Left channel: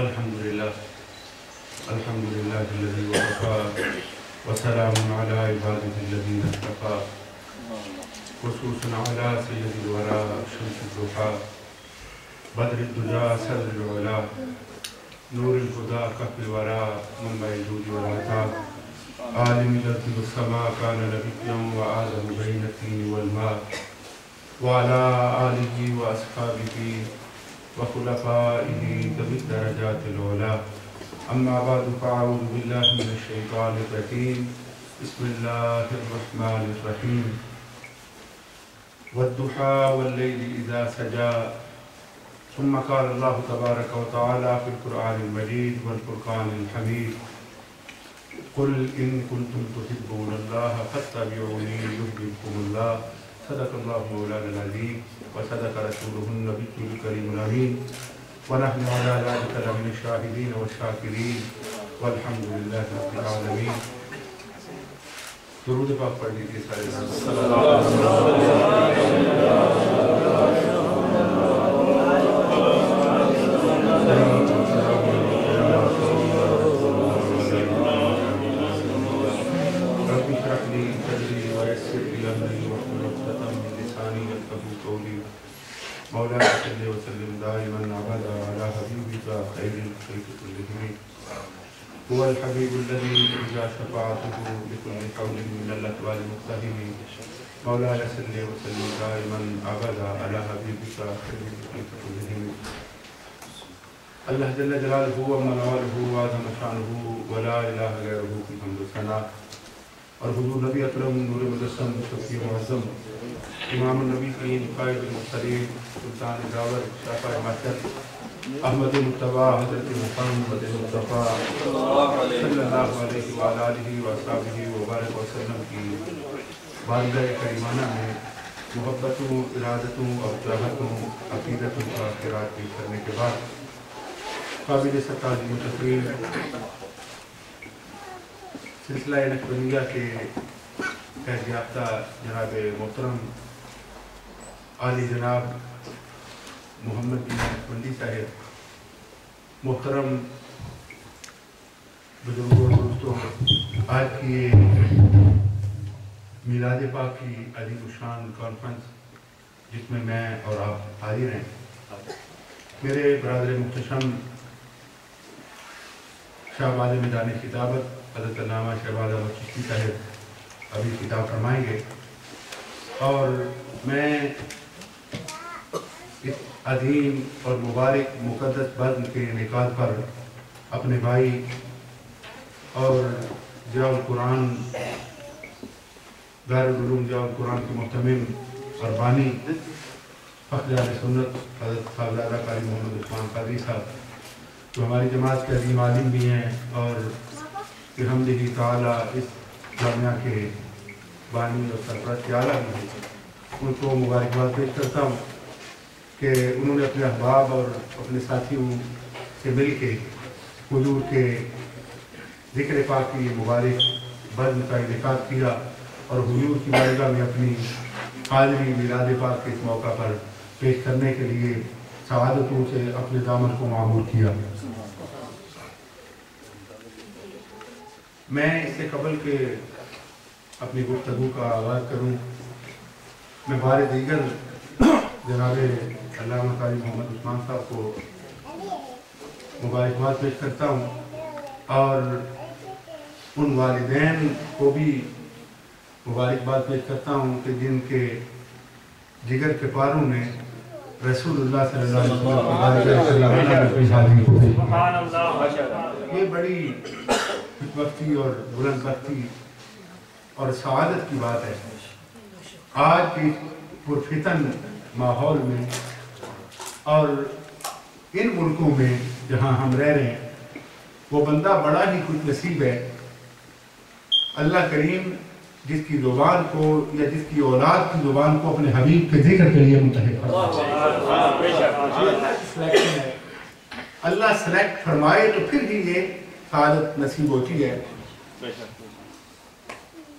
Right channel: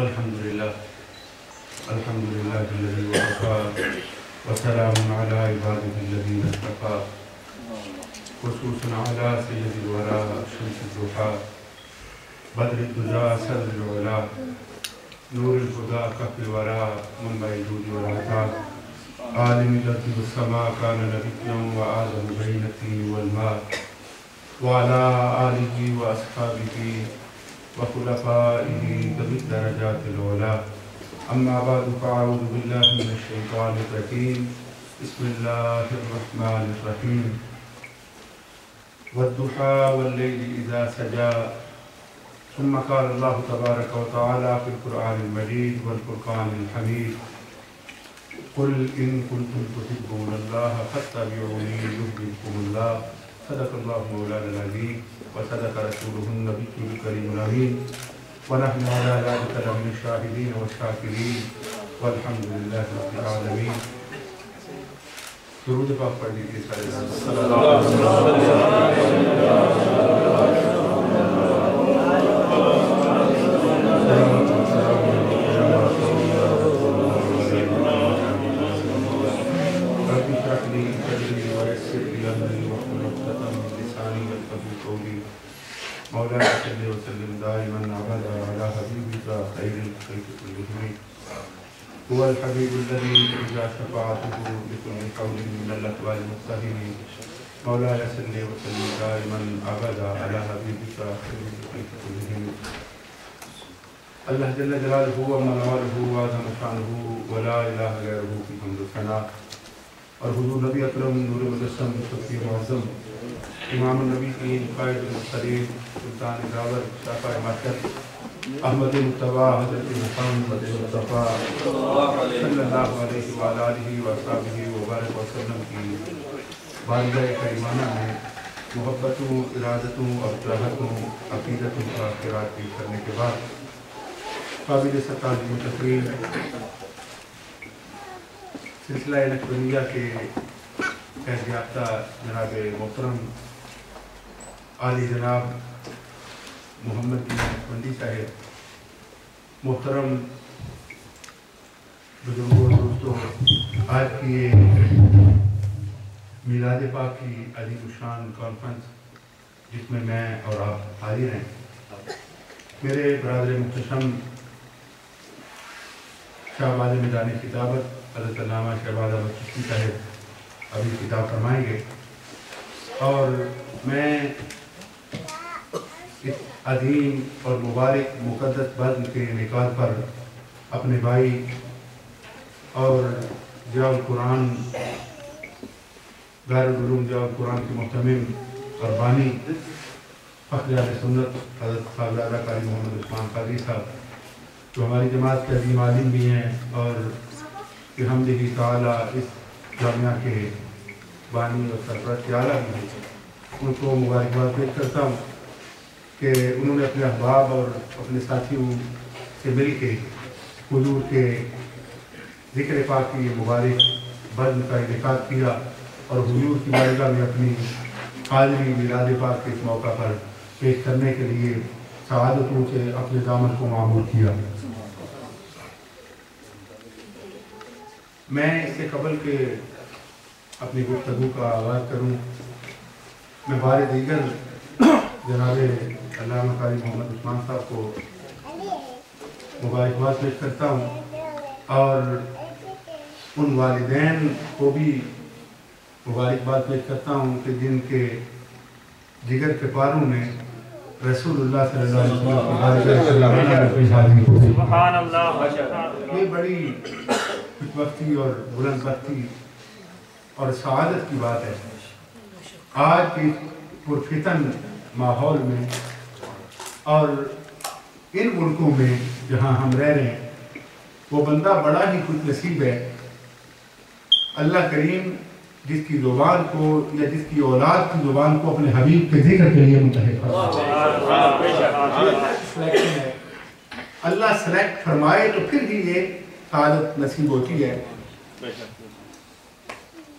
الحمدللہ الذی وکفی وسلام علی عبادہ الذین اصطفی خصوصا علی سید الورا شمس الضحی بدر الدجا صدر العلا نور الہدی کف الورا منبع الجود والعطاء عالم الارض والسماء کان نبیا وآدم بین الطین والماء وعلى آلہ واصحابہ وخلفائہ ذوی الدرجات العلی اما بعد فاعوذ باللہ من الشیطان الرجیم بسم اللہ الرحمن الرحیم والضحى واللیل اذا سجى ثم قال اللہ تبارک وتعالی فی القرآن المجید والفرقان الحمید قل ان کنتم تحبون اللہ فاتبعونی یحببکم اللہ صدق اللہ مولانا العظیم وصدق رسولہ النبی الکریم الامین ونحن على ذلك لمن الشاهدين والشاكرين والحمد لله رب العالمين. درود پاک پڑھ لیجیے سارے. صلی اللہ مولانا صلی وسلم دائما ابدا علی حبیبک خیر الخلق کلہم هو الحبیب الذی ترجى شفاعته بكل حول من الاحوال المقتحم مولانا صلی وسلم دائما ابدا علی حبیبک خیر الخلق کلہم. اللہ جل جلالہ و منوالہ وعظم شانہ ولا الہ غیرہ کی حمد و ثنا اور حضور نبی اکرم نور مجسم شفیع معظم امام النبیین قائد المرسلین سلطان دعوت شافع محشر احمد مصطفیٰ حضرت محمد مصطفیٰ صلی اللہ علیہ وآلہ وصحبہ وبارک وسلم کی بارگاہ کریمانہ میں محبتوں ارادتوں اور چاہتوں عقیدتوں کا خیرات پیش کرنے کے بعد قابل تعظیم و تقریر سلسلہ نقشبندیہ کے فیض یافتہ جناب محترم عالی جناب محمد بن نقشبندی صاحب, محترم بزرگوں دوستوں, آج کی یہ میلاد پاک کی عظیم الشان کانفرنس جس میں میں اور آپ حاضر ہیں, میرے برادر محتشم شہباز میدان خطابت حضرت علامہ شہباز احمد چشتی صاحب ابھی خطاب فرمائیں گے, اور میں اس عظیم اور مبارک مقدس بزم کے انعقاد پر اپنے بھائی اور ضیاء القرآن دارالعلوم ضیاء القرآن کے محتمم اور بانی فخر اہل سنت حضرت صاحبزادہ قاری محمد عثمان قادری صاحب, جو ہماری جماعت کے عظیم عالم بھی ہیں اور بحمدہ تعالی اس جامعہ کے بانی اور سرپرست کے اعلیٰ بھی ہیں, ان کو مبارکباد پیش کرتا ہوں کہ انہوں نے اپنے احباب اور اپنے ساتھیوں سے مل کے حضور کے ذکر پاک کی مبارک بزم کا انعقاد کیا اور حضور کی بارگاہ میں اپنی حاضری میلاد پاک کے اس موقع پر پیش کرنے کے لیے سعادتوں سے اپنے دامن کو معمور کیا. میں اس سے قبل کہ اپنی گفتگو کا آغاز کروں, میں بار دیگر جناب علامہ قاری محمد عثمان صاحب کو مبارکباد پیش کرتا ہوں اور ان والدین کو بھی مبارکباد پیش کرتا ہوں کہ جن کے جگر کے پاروں نے رسول اللہ صلی اللہ علیہ وسلم یہ بڑی وقتی اور بلند وقتی اور سعادت کی بات ہے. آج کی پرفتن ماحول میں اور ان ملکوں میں جہاں ہم رہ رہے ہیں, وہ بندہ بڑا ہی خوش نصیب ہے. اللہ کریم جس کی زبان کو یا جس کی اولاد کی زبان کو اپنے حبیب کے ذکر کے لیے منتخب فرمائے, اللہ سلیکٹ فرمائے تو پھر ہی یہ سعادت نصیب ہوتی ہے.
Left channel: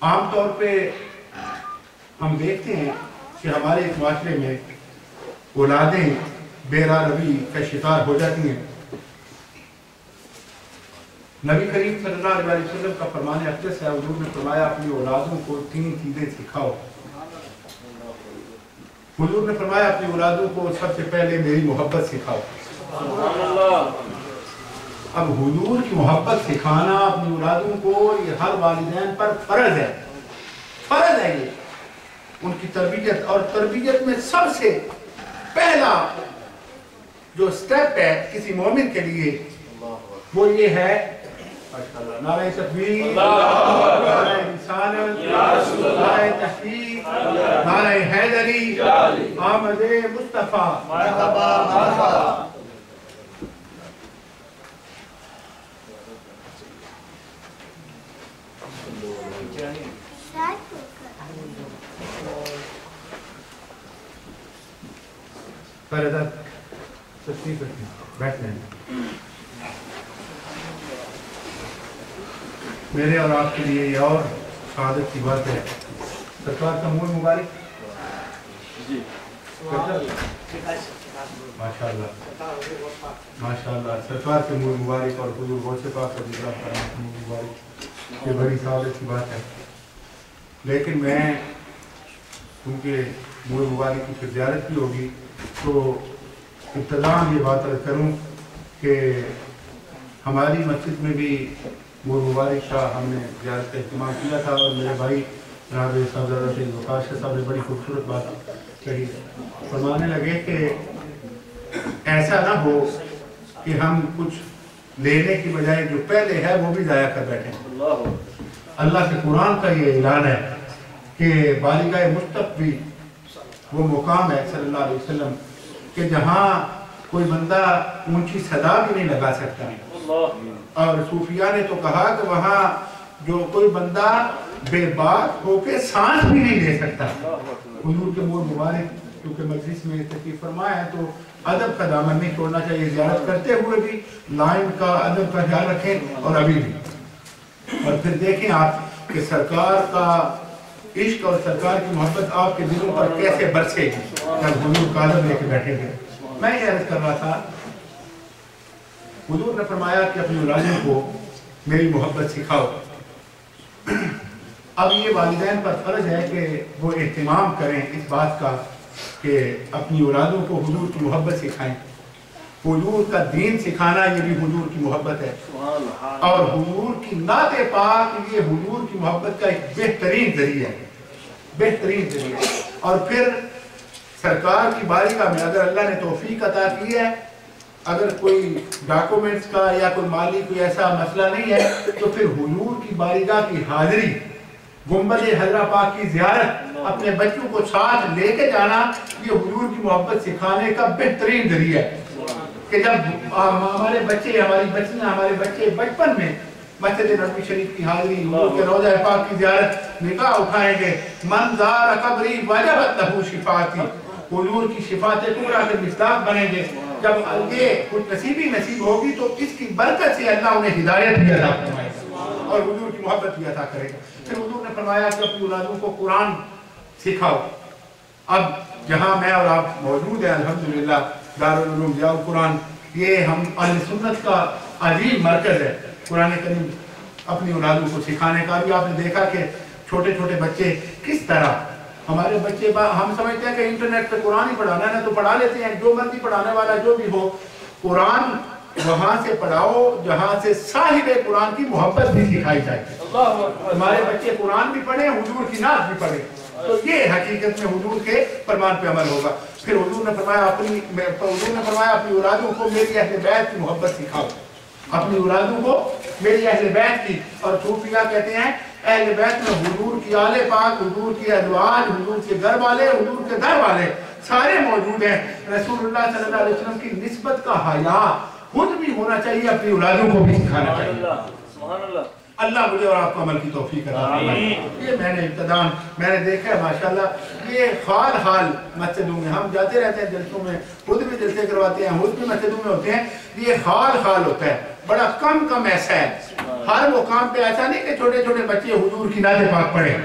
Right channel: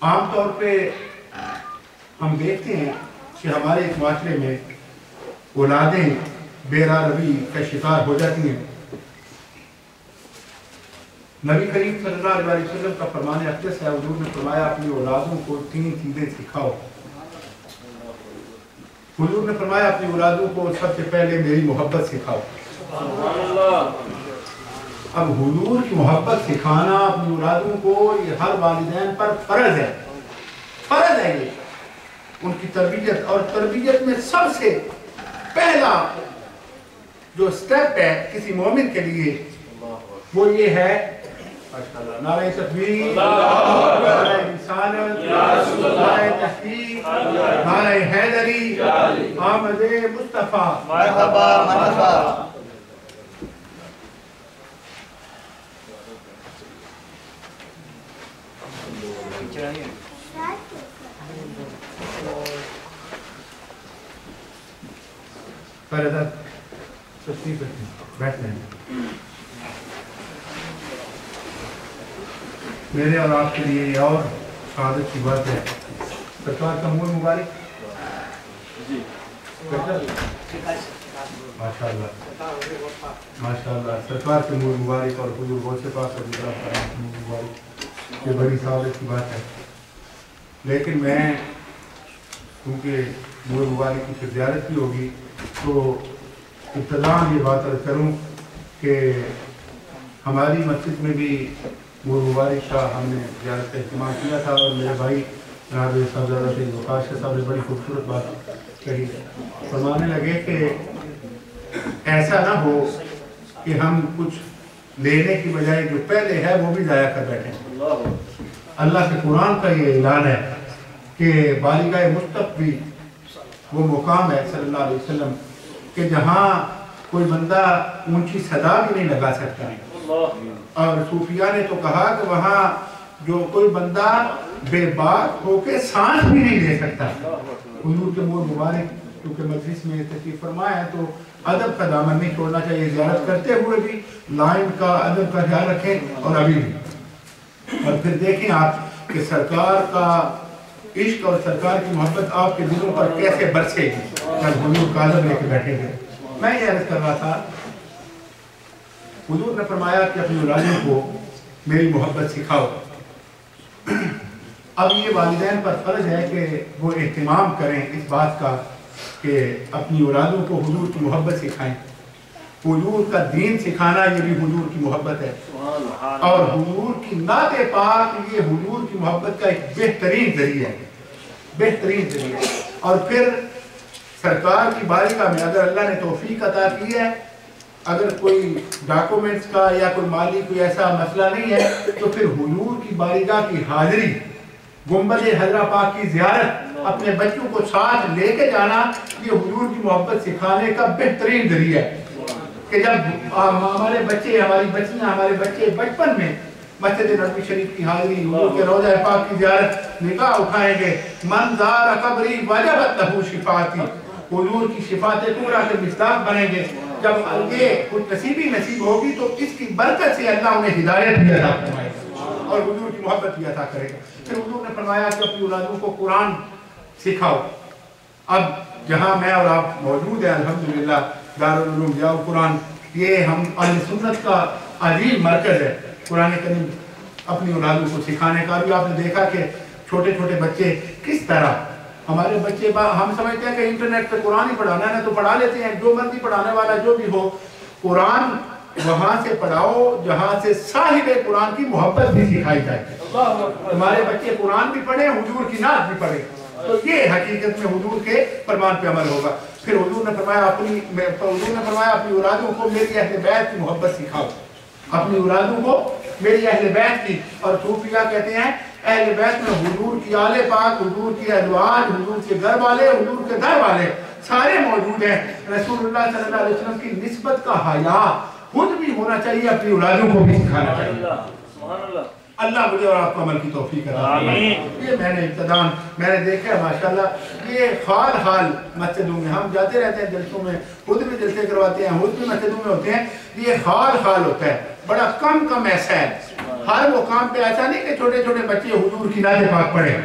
عام طور پہ ہم دیکھتے ہیں کہ ہمارے اس معاشرے میں اولادیں بے راہ روی کا شکار ہو جاتی ہیں نبی کریم صلی اللہ علیہ وسلم کا فرمان اقدس ہے، حضور نے فرمایا اپنی اولادوں کو 3 چیزیں سکھاؤ۔ حضور نے فرمایا اپنی اولادوں کو سب سے پہلے میری محبت سکھاؤ۔ اب حضور کی محبت سکھانا اپنی اولادوں کو یہ ہر والدین پر فرض ہے، فرض ہے یہ ان کی تربیت، اور تربیت میں سب سے پہلا جو سٹیپ ہے کسی مومن کے لیے وہ یہ ہے نعرہ تکبیر، نعرہ رسالت، نعرہ تحقیق، نعرہ حیدری، آمد مصطفیٰ، مرحبا مرحبا۔ پہلے تشریف رکھیں، بیٹھ لیں۔ میرے اور آپ کے لیے یہ اور شہادت کی بات ہے، سرکار کا منہ مبارک ماشاءاللہ ماشاءاللہ، سرکار کے منہ مبارک اور حضور غوث پاک رضی اللہ عنہ کے منہ مبارک، یہ بڑی سعادت کی بات ہے۔ لیکن میں کیونکہ منہ مبارک کی پھر زیارت بھی ہوگی تو ابتداً یہ بات عرض کروں کہ ہماری مسجد میں بھی منہ مبارک کا ہم نے زیارت کا اہتمام کیا تھا، اور میرے بھائی جناب صاحبزادہ سید وقاص شاہ صاحب نے بڑی خوبصورت بات کہی، فرمانے لگے کہ ایسا نہ ہو کہ ہم کچھ لینے کی بجائے جو پہلے ہے وہ بھی ضائع کر بیٹھیں۔ اللہ کے قرآن کا یہ اعلان ہے کہ بالغہ مصطفیٰ بھی وہ مقام ہے صلی اللہ علیہ وسلم کہ جہاں کوئی بندہ اونچی صدا بھی نہیں لگا سکتا، اور صوفیاء نے تو کہا کہ وہاں جو کوئی بندہ بے بات ہو کے سانس بھی نہیں لے سکتا۔ حضور کے منہ مبارک کیونکہ مجلس میں تشریف فرمایا ہے تو ادب کا دامن نہیں چھوڑنا چاہیے، زیارت کرتے ہوئے بھی لائن کا ادب کا خیال رکھیں، اور ابھی بھی، اور پھر دیکھیں آپ کہ سرکار کا عشق اور سرکار کی محبت آپ کے دلوں پر کیسے برسے گی جب حضور کا ادب لے کے بیٹھے گئے۔ میں یہ عرض کر رہا تھا، حضور نے فرمایا کہ اپنی اولادوں کو میری محبت سکھاؤ۔ اب یہ والدین پر فرض ہے کہ وہ اہتمام کریں اس بات کا کہ اپنی اولادوں کو حضور کی محبت سکھائیں۔ حضور کا دین سکھانا یہ بھی حضور کی محبت ہے، اور حضور کی نعت پاک یہ حضور کی محبت کا ایک بہترین ذریعہ ہے، بہترین ذریعہ۔ اور پھر سرکار کی بارگاہ میں اگر اللہ نے توفیق عطا کی ہے، اگر کوئی ڈاکومنٹس کا یا کوئی مالی کوئی ایسا مسئلہ نہیں ہے تو پھر حضور کی بارگاہ کی حاضری، گنبد حضرہ پاک کی زیارت، اپنے بچوں کو ساتھ لے کے جانا، یہ حضور کی محبت سکھانے کا بہترین ذریعہ ہے کہ جب ہمارے بچے، ہماری بچیاں، ہمارے بچے بچپن میں مسجد نبوی شریف کی حاضری، حضور کے روضہ پاک کی زیارت، نکاح اٹھائیں گے، من زار قبری وجبت لہو شفاعتی، حضور کی شفاعت کبریٰ کے مصداق بنیں گے۔ جب یہ کچھ نصیبی نصیب ہوگی تو اس کی برکت سے اللہ انہیں ہدایت بھی عطا فرمائے گا اور حضور کی محبت بھی عطا کرے گا۔ پھر حضور نے فرمایا کہ اپنی اولادوں کو قرآن سکھاؤ۔ اب جہاں میں اور آپ موجود ہیں الحمدللہ دارالعلوم ضیاء القرآن، یہ ہم اہل سنت کا عظیم مرکز ہے قرآن کریم اپنی اولادوں کو سکھانے کا۔ بھی آپ نے دیکھا کہ چھوٹے چھوٹے بچے کس طرح، ہمارے بچے ہم سمجھتے ہیں کہ انٹرنیٹ پہ قرآن ہی پڑھانا ہے تو پڑھا لیتے ہیں، جو مرضی پڑھانے والا جو بھی ہو، قرآن وہاں سے پڑھاؤ جہاں سے صاحب قرآن کی محبت بھی سکھائی جائے۔ ہمارے بچے قرآن بھی پڑھیں، حضور کی نعت بھی پڑھیں، تو یہ حقیقت میں حضور کے فرمان پہ عمل ہوگا۔ پھر حضور نے فرمایا اپنی اولادوں کو میری اہل بیت کی محبت سکھاؤ، اپنی اولادوں کو میری اہل بیت کی۔ اور صوفیاء کہتے ہیں اہل بیت میں حضور کی آل پاک، حضور کی ازواج، حضور کے گھر والے، حضور کے در والے سارے موجود ہیں۔ رسول اللہ صلی اللہ علیہ وسلم کی نسبت کا حیا خود بھی ہونا چاہیے، اپنی اولادوں کو بھی سکھانا چاہیے۔ اللہ مجھے اور آپ کو عمل کی توفیق عطا فرمائے۔ یہ میں نے ابتداء میں نے دیکھا ہے ماشاءاللہ، یہ حال مسجدوں میں ہم جاتے رہتے ہیں، جلسوں میں خود بھی جلسے کرواتے ہیں، خود بھی مسجدوں میں ہوتے ہیں، یہ حال ہوتا ہے، بڑا کم ایسا ہے ہر مقام پہ ایسا نہیں کہ چھوٹے چھوٹے بچے حضور کی نعت پاک پڑھیں،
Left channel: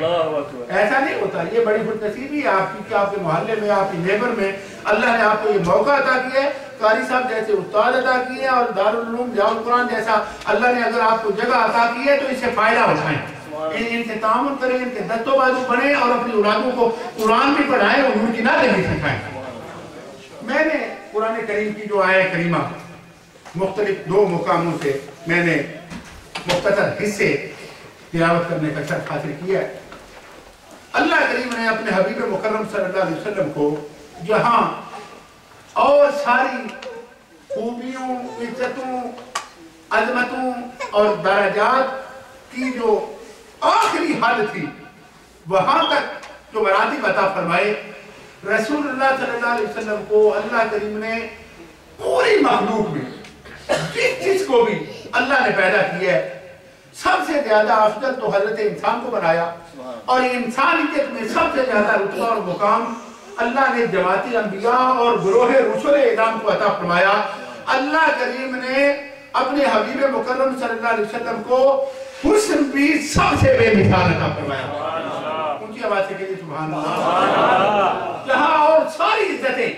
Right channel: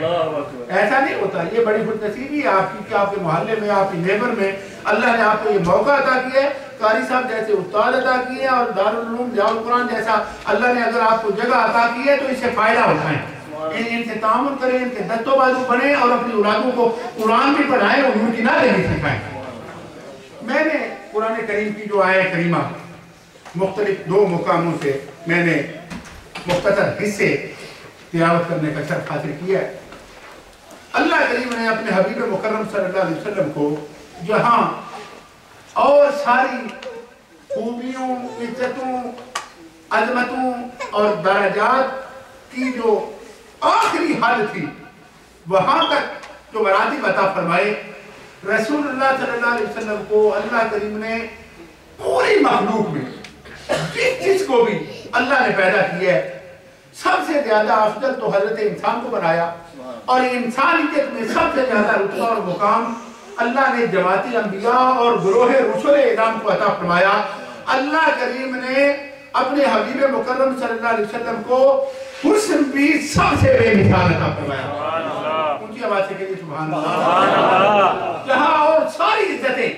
ایسا نہیں ہوتا. یہ بڑی خوش نصیبی ہے آپ کی کہ آپ کے محلے میں، آپ کی نیبر میں اللہ نے آپ کو یہ موقع عطا کیا ہے. قاری صاحب جیسے استاد عطا کیے ہیں اور دارالعلوم ضیاء القرآن جیسا اللہ نے اگر آپ کو جگہ عطا کی ہے تو اس سے فائدہ اٹھائیں، ان سے تعاون کریں، ان کے دست و بازو بنیں اور اپنی اولادوں کو قرآن بھی پڑھائیں، حضور کی نعتیں بھی سکھائیں. میں نے قرآن کریم کی جو آیہ کریمہ مختلف 2 مقاموں سے میں نے مختصر حصے تلاوت کرنے کا شرف حاصل کیا ہے. اللہ کریم نے اپنے حبیب مکرم صلی اللہ علیہ وسلم کو جہاں اور ساری خوبیوں، عزتوں، عظمتوں اور درجات کی جو آخری حد تھی وہاں تک جو مراتب عطا فرمائے، رسول اللہ صلی اللہ علیہ وسلم کو اللہ کریم نے پوری مخلوق میں جس کو بھی اللہ نے پیدا کیا ہے سب سے زیادہ افضل تو حضرت انسان کو بنایا، اور انسانیت میں سب سے زیادہ رتبہ اور مقام اللہ نے جماعتی انبیاء اور گروہ رسول اعظام کو عطا فرمایا. اللہ کریم نے اپنے حبیب مکرم صلی اللہ علیہ وسلم کو حسن بھی سب سے بے مثال عطا فرمایا. اونچی آواز سے کہیے سبحان اللہ. جہاں اور ساری عزتیں،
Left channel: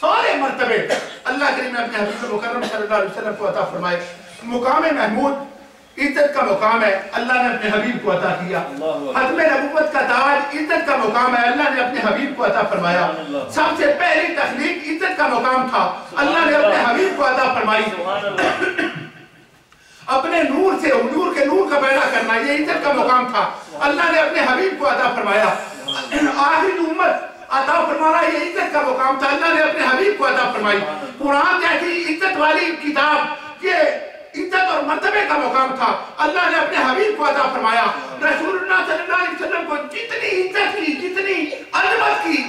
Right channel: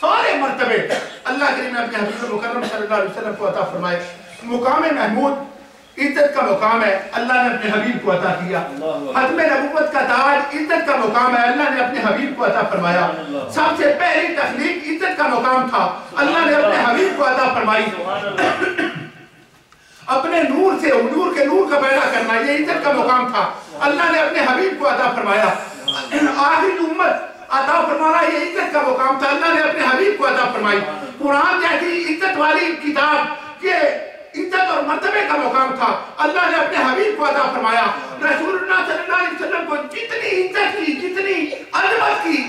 سارے مرتبے اللہ کریم نے اپنے حبیب مکرم صلی اللہ علیہ وسلم کو عطا فرمائے. مقام محمود عزت کا مقام ہے، اللہ نے اپنے حبیب کو عطا کیا. ختم نبوت کا تاج عزت کا مقام ہے، اللہ نے اپنے حبیب کو عطا فرمایا. سب سے پہلی تخلیق عزت کا مقام تھا، اللہ نے اپنے حبیب کو عطا فرمائی. اپنے نور سے حضور کے نور کا پیدا کرنا یہ عزت کا مقام تھا، اللہ نے اپنے حبیب کو عطا فرمایا. آخری امت عطا فرمانا یہ عزت کا مقام تھا، اللہ نے اپنے حبیب کو عطا فرمائی. قرآن جیسی عزت والی کتاب یہ عزت اور مرتبے کا مقام تھا، اللہ نے اپنے حبیب کو عطا فرمایا. رسول اللہ صلی اللہ علیہ وسلم کو جتنی عزت کی، جتنی عظمت کی،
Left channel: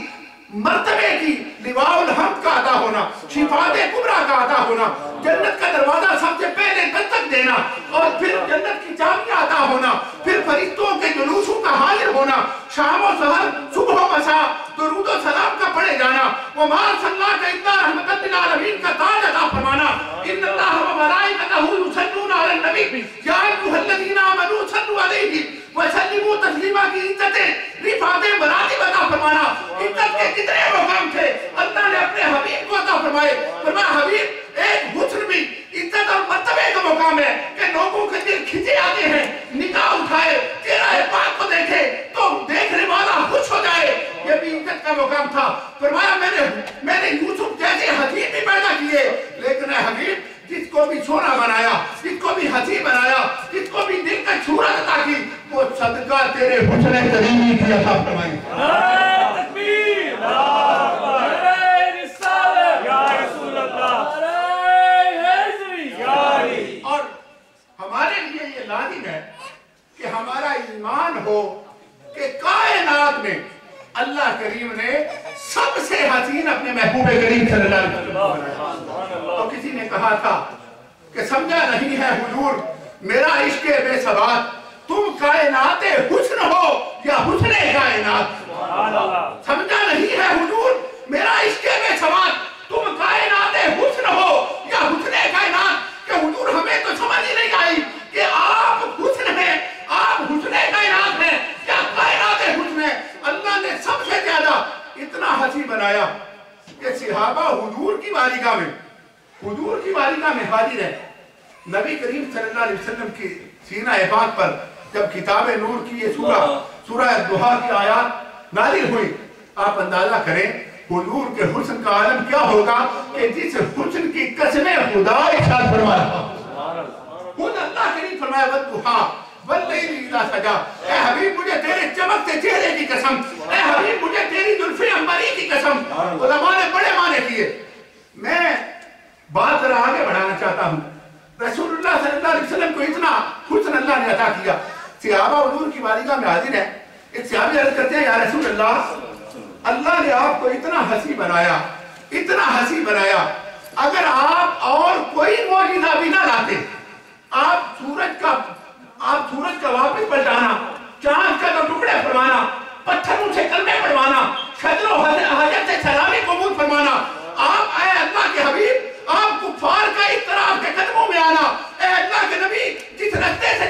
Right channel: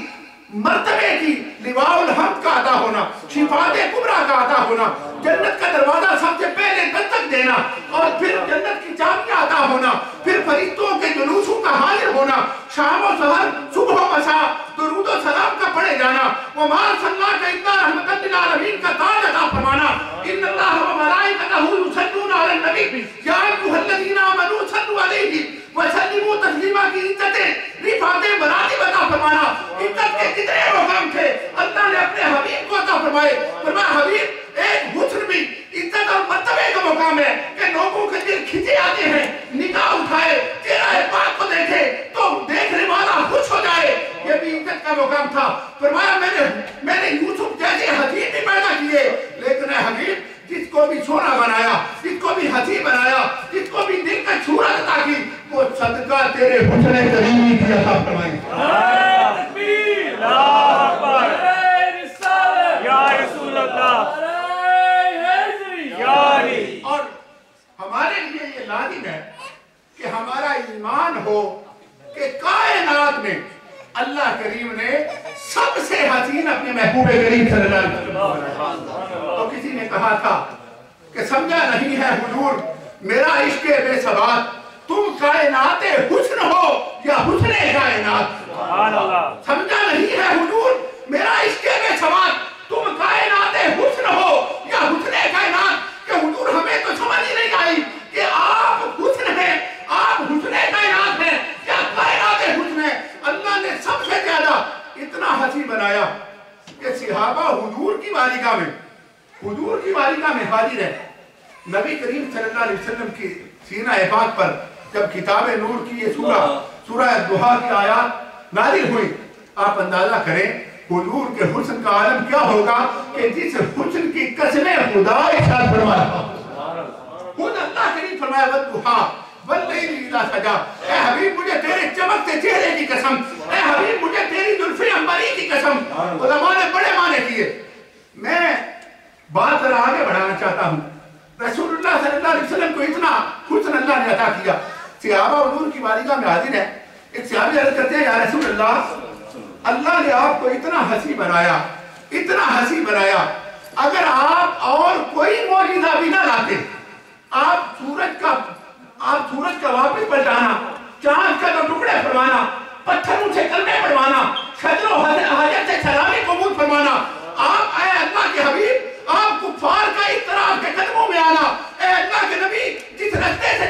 مرتبے کی، لواء الحمد کا عطا ہونا، شفاعت کبریٰ کا عطا ہونا، جنت کا دروازہ سب سے پہلے دستک دینا، اور پھر جنت کی چابیاں عطا ہونا، پھر فرشتوں کے جلوسوں کا حاضر ہونا، شام و سحر، صبح و مساء درود و سلام کا پڑھے جانا، وَمَا أَرْسَلْنَاكَ إِلَّا رَحْمَةً لِلْعَالَمِينَ کا تاج عطا فرمانا. إِنَّ اللَّهَ وَمَلَائِكَتَهُ يُصَلُّونَ عَلَى النَّبِيِّ يَا أَيُّهَا الَّذِينَ آمَنُوا صَلُّوا عَلَيْهِ وَسَلِّمُوا تَسْلِيمًا کی عزتیں، رفعتیں، مراتب عطا فرمانا. عزت کے کتنے مقام تھے اللہ نے اپنے حبیب کو عطا فرمائے. فرمایا حبیب ایک حسن بھی عزت اور مرتبے کا مقام ہے کہ لوگوں کے دل کھنچے آتے ہیں، نگاہ اٹھائے، چہرہ پاک کو دیکھے تو دیکھنے والا خوش ہو جائے، یہ بھی عزت کا مقام تھا. فرمایا میں نے یوسف جیسے حبیب بھی پیدا کیے، لیکن اے حبیب جس کو بھی سونا بنایا، جس کو بھی ہنسی بنایا، جس کو بھی دل کا صورت عطا کی، وہ صدقہ تیرے حسن کریمی کی عطا فرمائی. تکبیر، اللہ اکبر، رسالت یا رسول اللہ، اور ہمارے لیے یہ لازم ہے کہ ہمارا ایمان ہو کہ کائنات میں اللہ کریم نے سب سے حسین اپنے محبوب کریم صلی اللہ علیہ وسلم بنایا. تو کسی نے کہا تھا کہ سمجھا نہیں ہے حضور میرا عشق بے ثبات، تم کائنات حسن ہو یا حسن کائنات. سمجھا نہیں ہے حضور میرا عشق بے ثبات، تم کائنات حسن ہو یا حسن کائنات. کہ حضور ہمیں تو سمجھ ہی نہیں آئی کہ آپ حسن ہیں، آپ حسن کائنات ہیں یا کائنات حسن ہیں. اللہ نے سب سے زیادہ اتنا حسین بنایا کہ صحابہ حضور کی بارگاہ میں حاضر ہے. نبی کریم صلی اللہ علیہ وسلم کی سینہ پاک پر جب کتاب نور کی یہ سورہ الضحیٰ کی آیات نازل ہوئی، آپ اندازہ کریں حضور کے حسن کا عالم کیا ہوگا کہ جس حسن کی قسمیں خدا ارشاد فرمایا. خود اللہ کریم فرمایا والضحیٰ واللیل اذا سجا. اے حبیب مجھے تیرے چمکتے چہرے کی قسم، اے حبیب مجھے تیری زلف عنبری کی قسم. علماء نے بڑے معنی کیے. میں بات ذرا آگے بڑھانا چاہتا ہوں. رسول اللہ صلی اللہ علیہ وسلم کو اتنا حسن اللہ نے عطا کیا. صحابہ حضور کی بارگاہ میں حاضر ہیں. ایک صحابی عرض کرتے ہیں یا رسول اللہ نے آپ کو اتنا حسین بنایا، اتنا حسین بنایا، اگر آپ اور کوئی معجزہ بھی نہ لاتے، آپ سورج کا واپس پلٹانا، چاند کا تو ٹکڑے فرمانا، پتھروں سے کلمے پڑھوانا، شجر و حجر سے سلامی قبول فرمانا، آپ اے اللہ کے حبیب آپ کفار کا اضطراب کے قدموں میں آنا، اے اللہ کے نبی جس رستے سے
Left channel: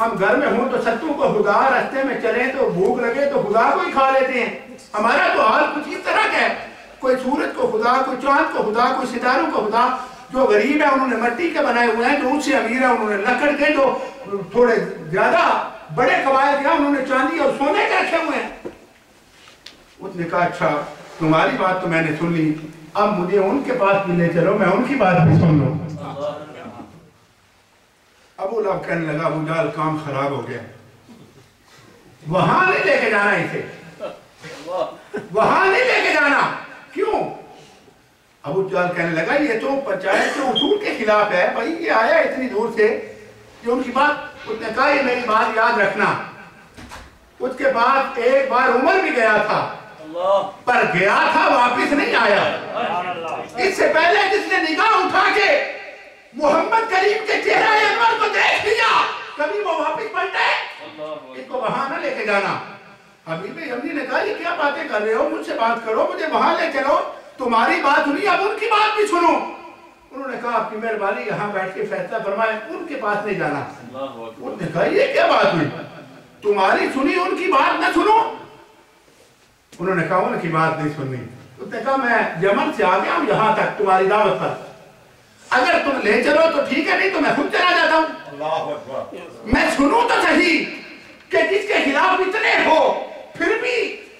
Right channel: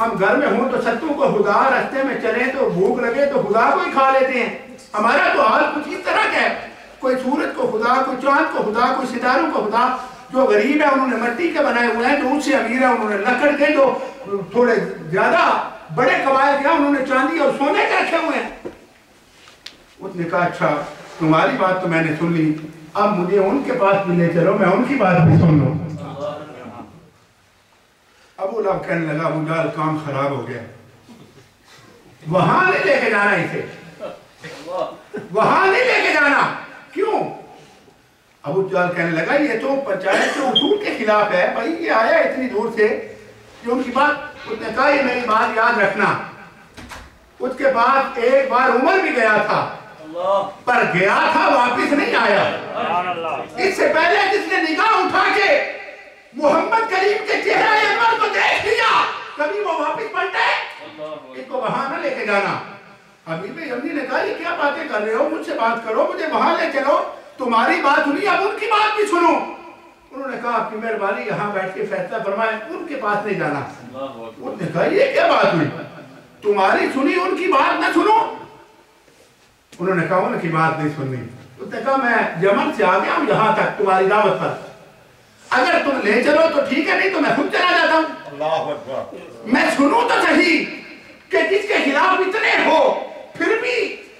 ہم گھر میں ہوں تو ستو کو خدا، راستے میں چلیں تو بھوک لگے تو خدا کو ہی کھا لیتے ہیں. ہمارا تو حال کچھ اس طرح کا ہے، کوئی سورج کو خدا، کوئی چاند کو خدا، کوئی ستاروں کو خدا. جو غریب ہے انہوں نے مٹی کے بنائے ہوئے ہیں، جو ان سے امیر ہے انہوں نے لکڑ کے، جو تھوڑے زیادہ بڑے قبائل کے انہوں نے چاندی اور سونے کے رکھے ہوئے ہیں. اس نے کہا اچھا تمہاری بات تو میں نے سن لی، اب مجھے ان کے پاس بھی لے چلو، میں ان کی بات بھی سن لوں. ابو لہب کہنے لگا ابو جہل کام خراب ہو گیا، وہاں نہیں لے کے جانا اسے، وہاں نہیں لے کے جانا. کیوں؟ ابو جہل کہنے لگا یہ تو پنچایت کے اصول کے خلاف ہے. بھائی یہ آیا اتنی دور سے کہ ان کی بات، اس نے کہا یہ میری بات یاد رکھنا. اس کے بعد ایک بار عمر بھی گیا تھا، پر گیا تھا واپس نہیں آیا. اس سے پہلے جس نے نگاہ اٹھا کے محمد کریم کے چہرہ انور کو دیکھ لیا، کبھی وہ واپس پلٹے؟ اس کو وہاں نہ لے کے جانا. حبیب یمنی نے کہا یہ کیا باتیں کر رہے ہو، مجھ سے بات کرو، مجھے وہاں لے چلو. تمہاری بات سنی، اب ان کی بات بھی سنو. انہوں نے کہا آپ کی مہربانی یہاں بیٹھ کے فیصلہ فرمائیں، ان کے پاس نہیں جانا. انہوں نے کہا یہ کیا بات ہوئی، تمہاری سنی ان کی بات نہ سنو؟ انہوں نے کہا ان کی بات نہیں سننی. انہوں نے کہا میں یمن سے آ گیا ہوں یہاں تک تمہاری دعوت پر، اگر تم لے چلو تو ٹھیک ہے، نہیں تو میں خود چلا جاتا ہوں. میں سنوں تو صحیح کہ جس کے خلاف اتنے ہو پھر بھی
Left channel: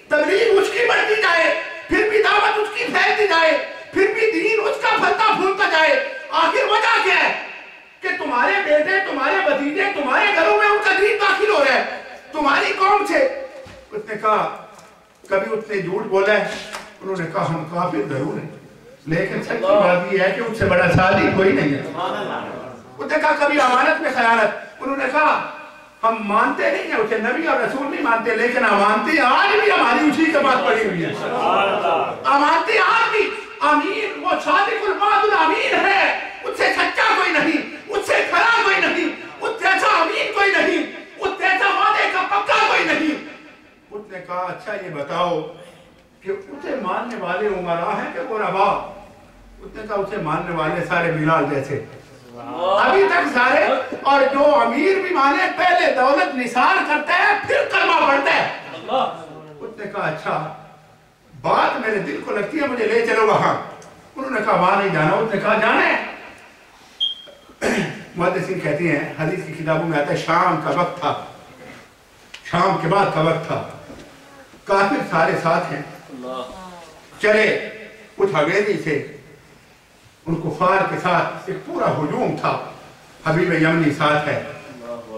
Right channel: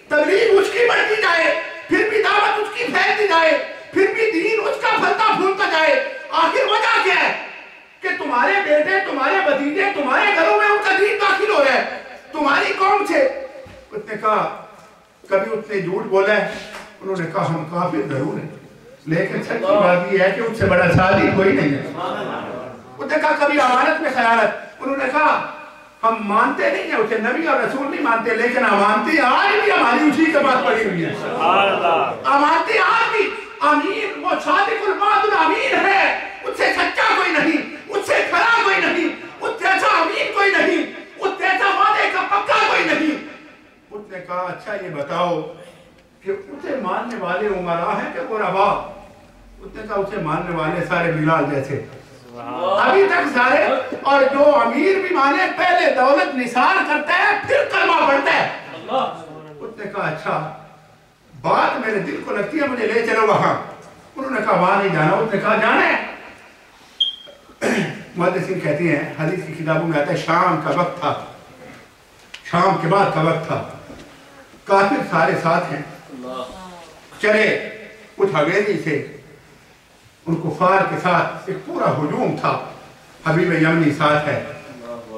تبلیغ اس کی بڑھتی جائے، پھر بھی دعوت اس کی پھیلتی جائے، پھر بھی دین اس کا پھلتا پھولتا جائے. آخر وجہ کیا ہے کہ تمہارے بیٹے، تمہارے بھتیجے، تمہارے گھروں میں ان کا دین داخل ہو رہا ہے، تمہاری قوم سے. اس نے کہا کبھی اس نے جھوٹ بولا ہے؟ انہوں نے کہا ہم کافر ضرور ہیں لیکن سچی بات یہ ہے کہ اس سے بڑا صادق کوئی نہیں ہے. اس نے کہا کبھی امانت میں خیانت؟ انہوں نے کہا ہم مانتے نہیں ہیں اسے، نبی اور رسول نہیں مانتے، لیکن امانتی آج بھی ہماری اسی کے پاس پڑی ہوئی ہے. امانتی آج بھی امین، وہ صادق الوعد الامین ہے، اس سے سچا کوئی نہیں، اس سے کھرا کوئی نہیں، اس جیسا امین کوئی نہیں، اس جیسا وعدے کا پکا کوئی نہیں. اس نے کہا اچھا یہ بتاؤ کہ اسے ماننے والے عمراء ہیں کہ غرباء؟ اس نے کہا اسے ماننے والے سارے بلال جیسے ابھی تک سارے، اور جو امیر بھی مانے پہلے دولت نثار کرتا ہے پھر کلمہ پڑھتا ہے. اس نے کہا اچھا بات میرے دل کو لگتی ہے، مجھے لے چلو وہاں. انہوں نے کہا وہاں نہیں جانا. اس نے کہا جانا ہے. محدثین کہتے ہیں حدیث کی کتابوں میں آتا ہے شام کا وقت تھا، شام کے بعد کا وقت تھا، کافر سارے ساتھ ہیں، چلے اس حویلی سے ان کفار کے ساتھ ایک پورا ہجوم تھا. حبیب یمنی ساتھ ہے،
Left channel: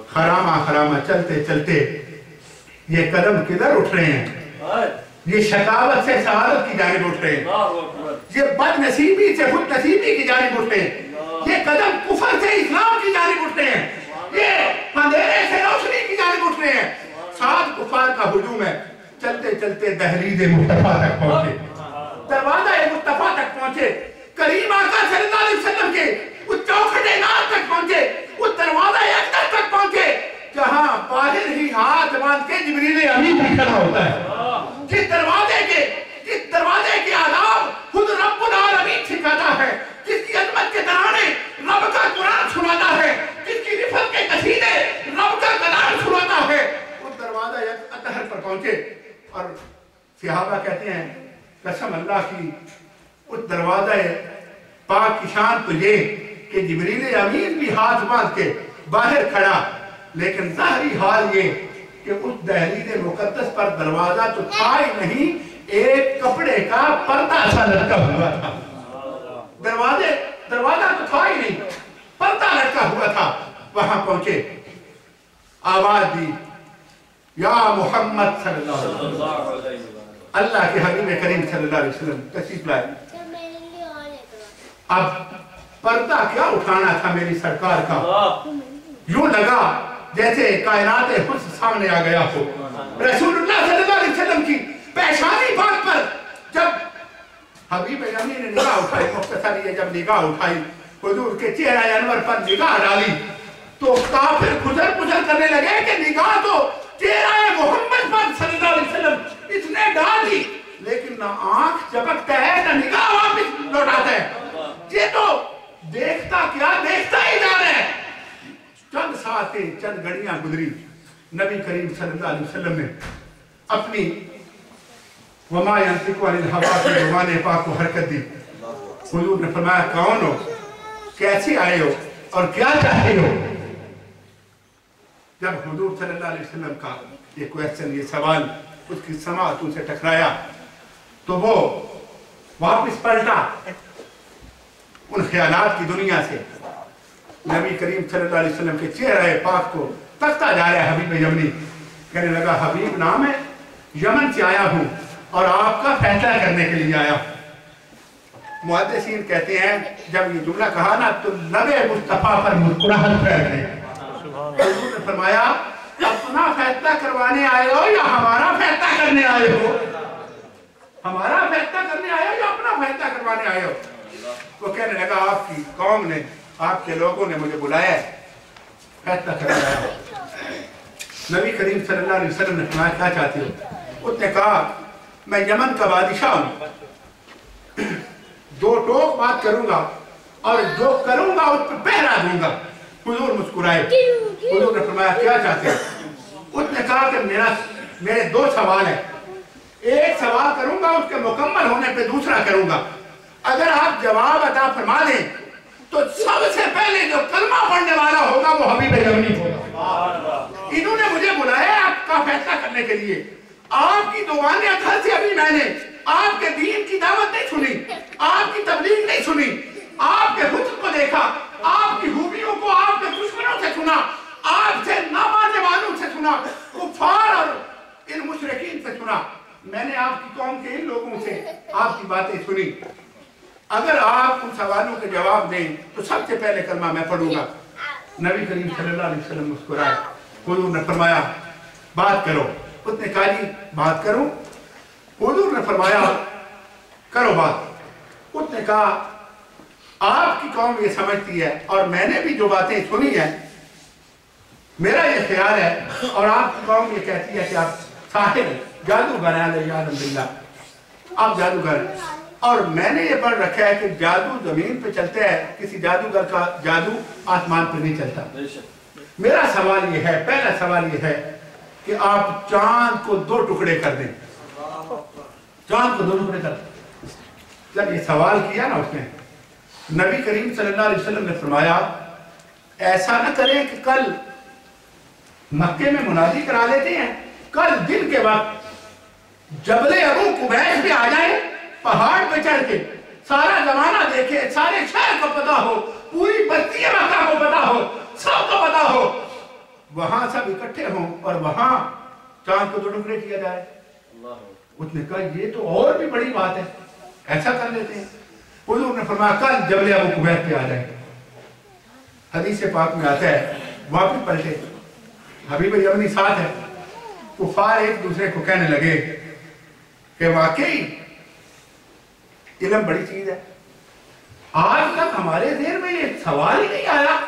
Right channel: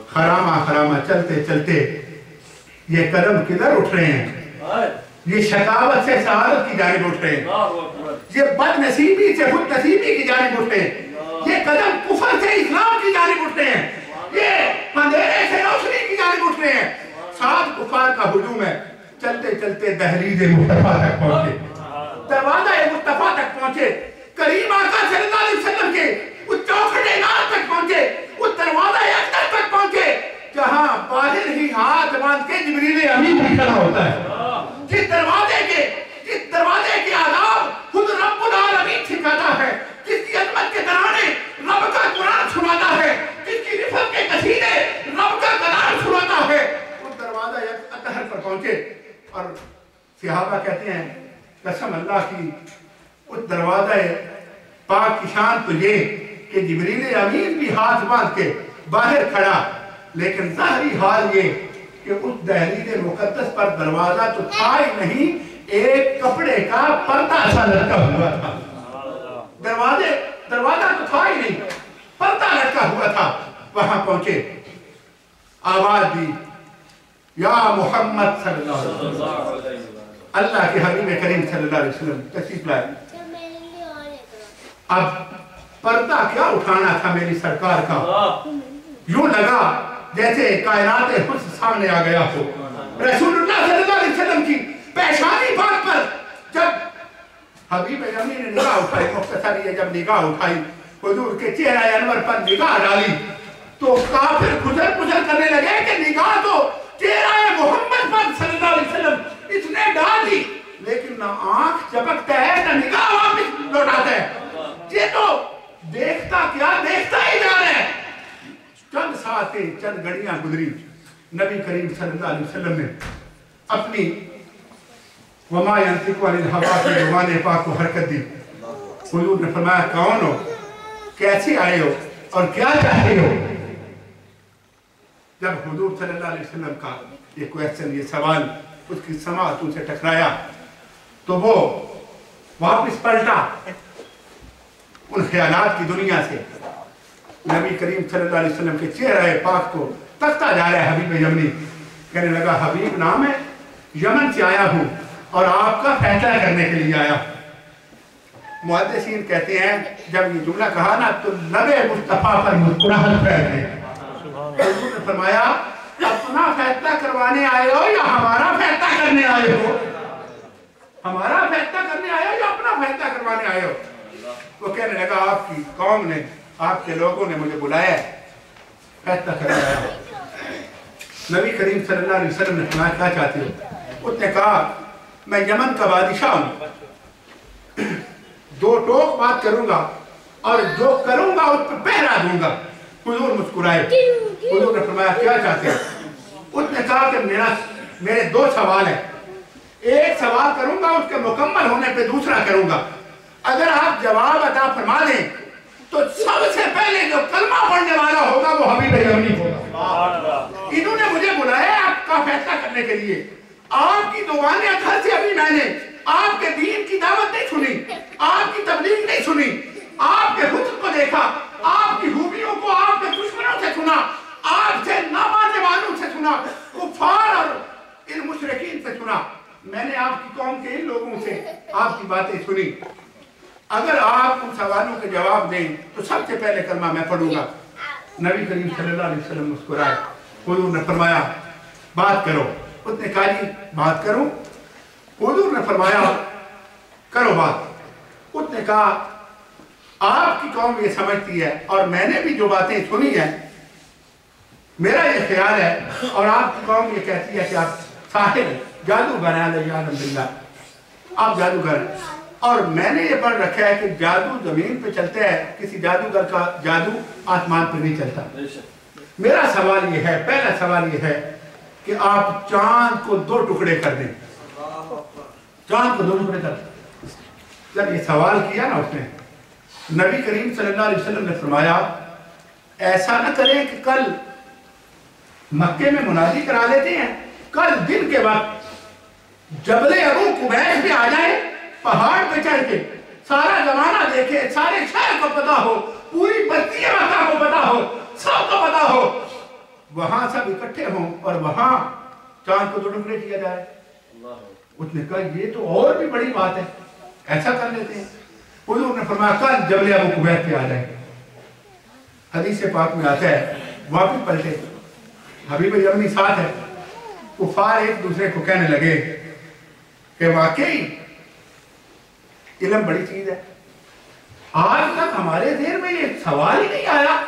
خرامہ خرامہ چلتے چلتے یہ قدم کدھر اٹھ رہے ہیں، یہ شقاوت سے سعادت کی جانب اٹھ رہے ہیں، یہ بد نصیبی سے خود نصیبی کی جانب اٹھ رہے ہیں، یہ قدم کفر سے اسلام کی جانب اٹھ رہے ہیں، یہ اندھیرے سے روشنی کی جانب اٹھ رہے ہیں. ساتھ کفار کا ہجوم ہے. چلتے چلتے دہلیز مصطفیٰ تک پہنچے، دروازہ مصطفیٰ تک پہنچے، کریم آقا صلی اللہ علیہ وسلم کے اس چوکھٹے نام تک پہنچے، اس دروازہ اقدس تک پہنچے جہاں باہر ہی ہاتھ باندھ کے جبریل امین بھی کھڑا ہوتا ہے. جس دروازے کے آداب خود رب العالمین سکھاتا ہے، جس کی عظمت کے ترانے رب کا قرآن سناتا ہے، جس کی رفت کے قصیدے رب کا کلام سناتا ہے، اس دروازہ اطہر پر پہنچے. اور صحابہ کہتے ہیں قسم اللہ کی اس دروازہ پاک کی شان تو یہ کہ جبریل امین بھی ہاتھ باندھ کے باہر کھڑا، لیکن ظاہری حال یہ کہ اس دہلیز مقدس پر دروازہ تو تھا ہی نہیں، ایک کپڑے کا پردہ سا لٹکا ہوا تھا. دروازہ تو تھا ہی نہیں، پردہ لٹکا ہوا تھا. وہاں پہنچے، آواز دی یا محمد صلی اللہ علیہ وسلم، اللہ کے حبیب کریم صلی اللہ علیہ وسلم تشریف لائے. اب پردہ کیا اٹھانا تھا میری سرکار کا، یوں لگا جیسے کائنات حسن سامنے آ گیا ہو. رسول اللہ صلی اللہ علیہ وسلم کی پیشانی پاک پر جب حبیب یمنی نے نگاہ اٹھائی، مختصری جب نگاہ اٹھائی، حضور کے چہرہ انور پر نگاہ ڈالی تو کافر گزر گزر کرنے لگے کہ نگاہ تو چہرہ محمد پر صلی اللہ علیہ وسلم اس نے ڈال دی، لیکن نہ آنکھ چپکتا ہے نہ نگاہ واپس لوٹاتا ہے. یہ تو دیکھتا کیا دیکھتا ہی جا رہا ہے. چند ساتھ کے چند گھڑیاں گزری، نبی کریم صلی اللہ علیہ وسلم نے اپنی وما ينطق عن الهوى کی زبان پاک کو حرکت دی۔ حضور نے فرمایا کون ہو، کیسے آئے ہو اور کیا چاہتے ہو؟ جب حضور صلی اللہ علیہ وسلم کا یہ کویسچن، یہ سوال اس کی سماعتوں سے ٹکرایا تو وہ واپس پلٹا ان خیالات کی دنیا سے۔ نبی کریم صلی اللہ علیہ وسلم کے چہرے پاک کو تکتا جا رہا ہے حبیب یمنی، کہنے لگا حبیب نام ہے، یمن سے آیا ہوں اور آپ کا فیصلہ کرنے کے لیے آیا ہوں۔ محدثین کہتے ہیں جب یہ جملہ کہا نا تو لب مصطفیٰ پر مسکراہٹ پھیل گئی۔ حضور نے فرمایا اپنا فیصلہ کروانے آئے ہو یا ہمارا فیصلہ کرنے آئے ہو؟ ہمارا فیصلہ کرنے آئے ہو یا اپنا فیصلہ کروانے آئے ہو؟ وہ کہنے لگا آپ کی قوم نے، آپ کے لوگوں نے مجھے بلایا ہے، فیصلہ کرنے آیا ہو۔ نبی کریم صلی اللہ علیہ وسلم نے فرمایا کیا چاہتے ہو؟ اس نے کہا میں یمن کا بادشاہ ہوں، دو ٹوک بات کروں گا اور جو کروں گا اس پر پہرا دوں گا۔ حضور مسکرائے۔ حضور نے فرمایا کیا چاہتے ہیں؟ اس نے کہا کہ میرے دو سوال ہیں، ایک سوال کروں گا اس کے مکمل ہونے پہ دوسرا کروں گا، اگر آپ جواب عطا فرما دیں تو سب سے پہلے جو کلمہ پڑھنے والا ہوگا وہ حبیب یمنی ہوگا۔ انہوں نے مجھے بلایا آپ کا فیصلہ کرنے کے لیے، آپ کی دعائیں گھر سے ابھی میں نے آپ کے دین کی دعوت نہیں سنی، آپ کی تبلیغ نہیں سنی، آپ کے حسن کو دیکھا، آپ کی خوبیوں کو آپ کے دشمنوں سے سنا، آپ سے نامانے والوں سے سنا، کفار اور ان مشرکین سے سنا، میں نے آپ کی قوم کے ان لوگوں سے آپ کی باتیں سنی، اگر آپ ان سوالوں کے جواب دیں تو سب سے پہلے کلمہ میں پڑھوں گا۔ نبی کریم صلی اللہ علیہ وسلم مسکرائے۔ حضور نے فرمایا بات کرو۔ اس نے کہا جی بات کروں؟ حضور نے فرمایا کرو بات۔ اس نے کہا آپ کی قوم یہ سمجھتی ہے اور میں نے بھی جو باتیں سنی ہیں میرا یہ خیال ہے، اور آپ کی قوم یہ کہتی ہے کہ آپ ساحر جادوگر ہیں، علیہ باللہ، آپ جادوگر ہیں، اور میں نے یہ پڑھ رکھا ہے کہ جادو زمین پہ چلتا ہے، کسی جادوگر کا جادو آسمان پہ نہیں چلتا۔ میرا سوال یہ ہے، پہلا سوال یہ ہے کہ آپ چاند کو دو ٹکڑے کر دیں، چاند کو دو ٹکڑے کر دیں۔ جب یہ سوال کیا نا اس نے، نبی کریم صلی اللہ علیہ وسلم نے فرمایا ایسا نہ کریں کہ کل مکے میں منادی کرا لیتے ہیں، کل دن کے وقت جبل ابو قبیس پہ آ جائیں، پہاڑ پہ چڑھ کے سارا زمانہ دیکھے، سارے شہر کو پتا ہو، پوری بستی مکہ کو پتا ہو، سب کو پتا ہو، وہاں سب اکٹھے ہوں اور وہاں چاند کو دو ٹکڑے کیا جائے۔ اس نے کہا یہ تو اور بھی بڑی بات ہے، ایسا کر لیتے ہیں۔ حضور نے فرمایا کل جبل ابو قبیس پہ آ جائیں۔ حدیث پاک میں آتا ہے واپس پلٹے، حبیب یمنی ساتھ ہے، کفار ایک دوسرے کو کہنے لگے کہ واقعی علم بڑی چیز ہے، آج تک ہمارے ذہن میں یہ سوال ہی نہیں آیا،